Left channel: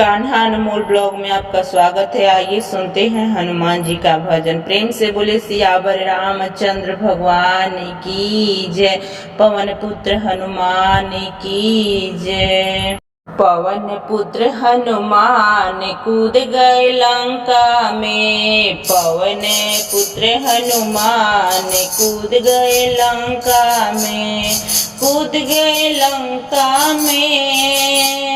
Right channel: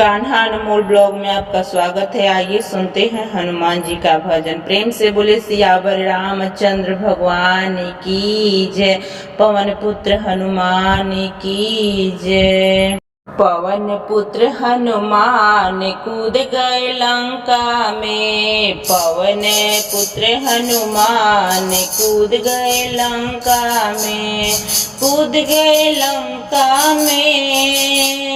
कान्हा अनमोल blog में आपका स्वागत है। आइए सुनते हैं हनुमान जी का भजन। प्रेम से बोले सियावर रामचंद्र भगवान की जय। पवन पुत्र हनुमान की जय। पवन पुत्र हनुमान कूद गए लंका में। पवन पुत्र हनुमान कूद गए लंका में। कूद गए लंका में।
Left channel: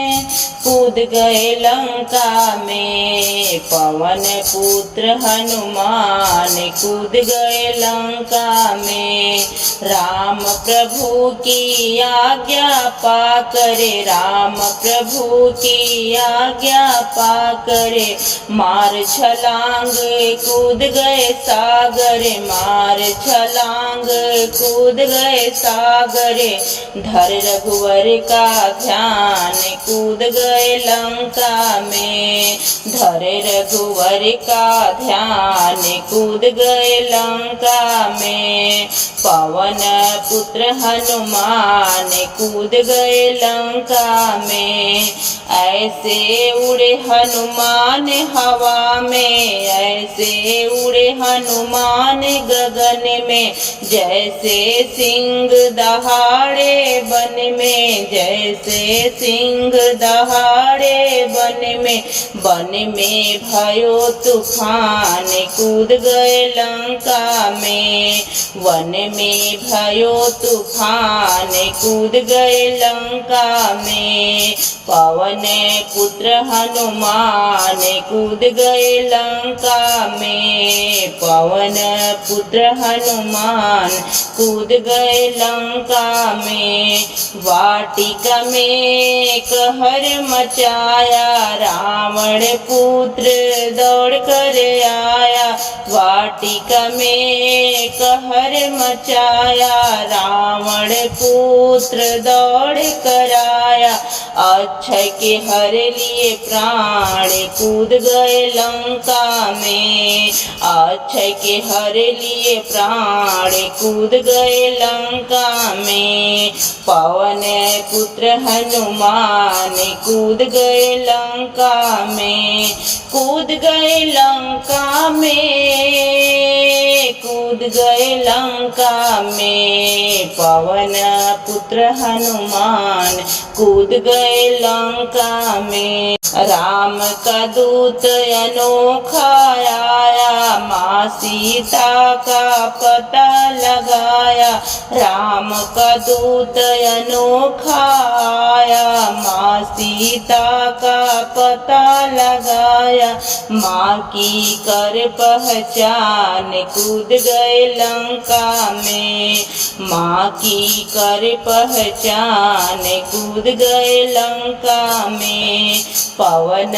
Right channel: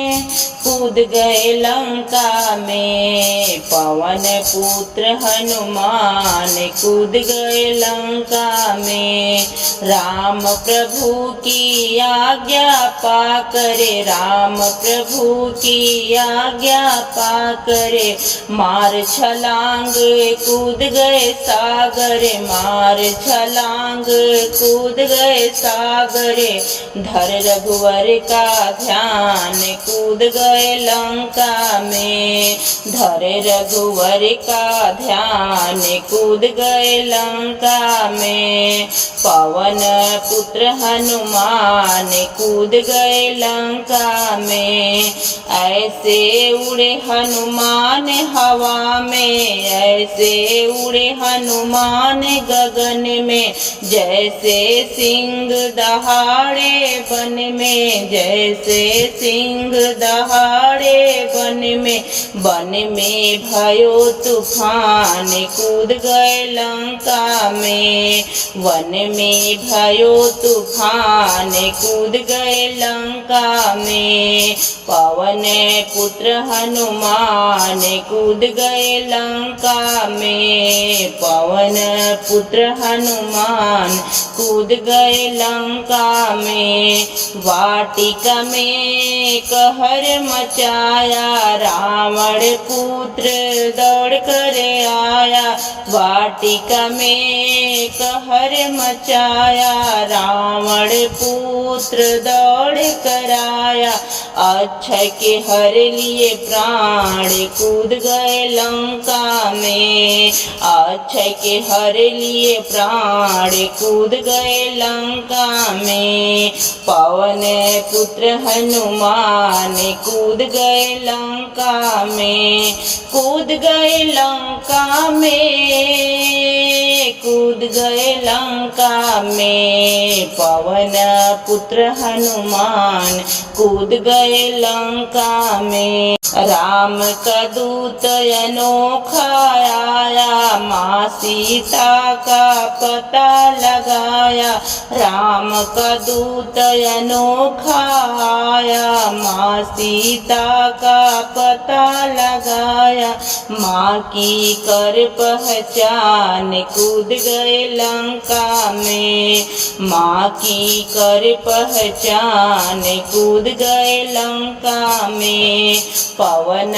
कूद गए लंका में। पवन पुत्र हनुमान कूद गए लंका में। राम प्रभु की आज्ञा पाकर राम प्रभु की आज्ञा पाकर मार छलांग कूद गए सागर। मार छलांग कूद गए सागर। धर रघुवर का ध्यान कूद गए लंका में। धर रघुवर का ध्यान कूद गए लंका में। पवन पुत्र हनुमान कूद गए लंका में। ऐसे उड़े हनुमान हवा में। ऐसे उड़े हनुमान गगन में। जैसे सिंह दहाड़े वन में। जैसे सिंह दहाड़े वन में। वन में भयो तूफान कूद गए लंका में। वन में भयो तूफान कूद गए लंका में। पवन पुत्र हनुमान कूद गए लंका में। पवन पुत्र हनुमान कूद गए लंका में। वाटिका में कहर मचाया रावण पुत्र दौड़ कर आया। वाटिका में कहर मचाया रावण पुत्र दौड़ कर आया। अक्षय के हर लिए प्राण कूद गए लंका में। अक्षय के हर लिए प्राण कूद गए लंका में। पवन पुत्र हनुमान कूद गए लंका में। कूद गए लंका में। कूद गए लंका में। पवन पुत्र हनुमान कूद गए लंका में। राम का दूत अनोखा आया। माँ सीता का पता लगाया। राम का दूत अनोखा आया। माँ सीता का पता लगाया। माँ की कर पहचान कूद गए लंका में। माँ की कर पहचान कूद गए लंका में। पवन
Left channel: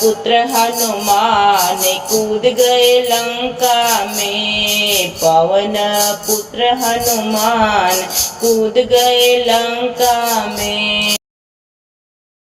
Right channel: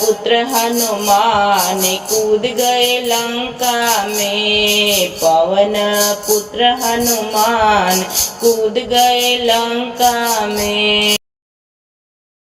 पुत्र हनुमान कूद गए लंका में। पवन पुत्र हनुमान कूद गए लंका में।